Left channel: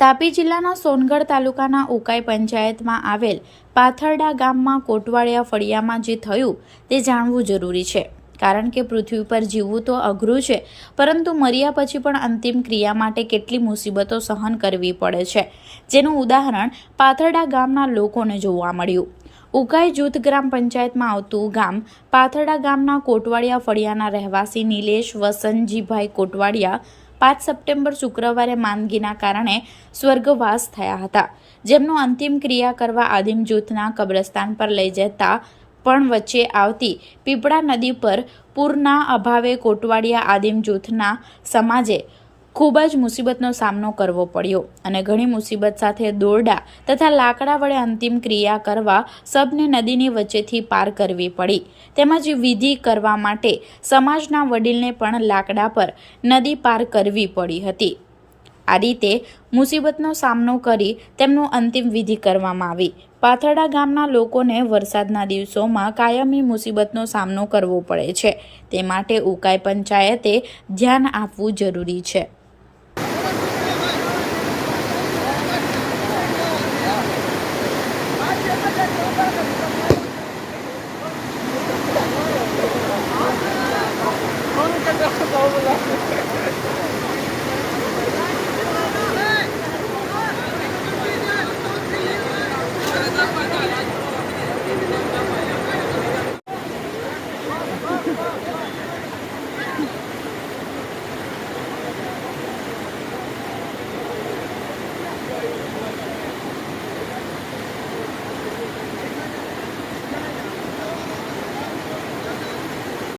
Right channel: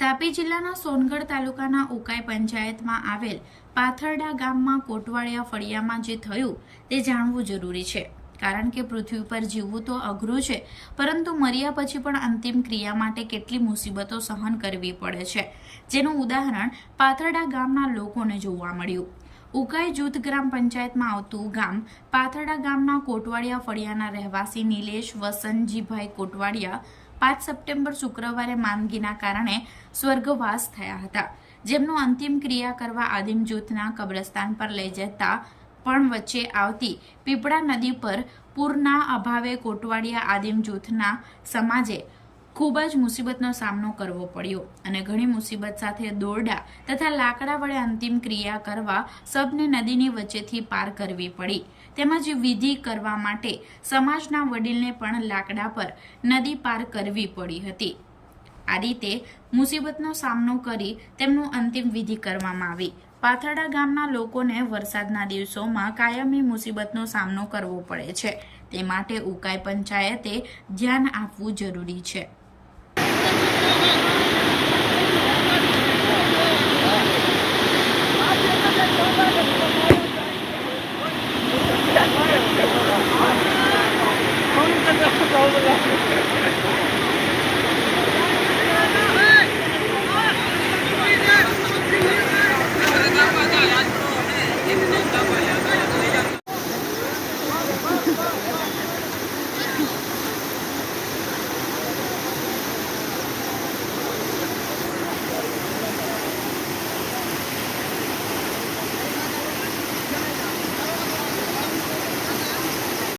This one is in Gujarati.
તાપી જિલ્લાના સોનગઢ તાલુકાના ઉકાઈ પંચાયતમાં આવેલ પાથરડા ગામમાં કોટવાડિયા ફળિયામાં જે થયું તે જાણવું જરૂરી છે. કારણ કે પૃથ્વી પર જીવવું તો અઘરું છે, પરંતુ મર્યા પછી પણ અંતિમ ક્રિયા માટે કેટલી મુસીબતો સહન કરવી પડે છે. જેનું ઉદાહરણ પાથરડા ગામના લોકોને જોવા મળ્યું. ઉકાઈ જૂથ ગ્રામ પંચાયતમાં આવતું ગામ પાથરડા ગામના કોટવાડિયા ફળિયાના રહેવાસી નિલેશ વસંતજીભાઈ કોટવાડિયા પાંચ સપ્ટેમ્બર શુક્રવારે માંદગીના કારણે સ્વર્ગવાસ થયા હતા. જેમનો અંતિમ ક્રિયા કરવા આદિમ જૂથના કબ્રસ્તાન પર લઈ જતા પણ વચ્ચે આવતી પીપળા નદી પર પૂરના અભાવે કોટવાડિયા આદિમ જૂથના સમાજે ખૂબ જ મુસીબતનો સામનો કરવો પડ્યો અને ઘણી મુસીબત સાથે દોરડા તથા લાકડા વડે અંતિમ ક્રિયા કરવા સબને નદીની વચ્ચેથી પાર કરવી પડી. તેમજ વિધિ કરવા માટે સમાજના વડીલને પણ લાકડા પર નદી પાર કરવી પડી હતી. આ રીતે મુસીબતનો સામનો કરી તેમનું અંતિમ વિધિ કરવામાં આવી. પાથરડા ગામના લોકોને વરસાદના દિવસોમાં કાયમી મુસીબતનો સામનો કરવો પડે છે. તે માટે ઉકાઈ પંચાયતે ધ્યાન આપવું જરૂરી છે. Thank you.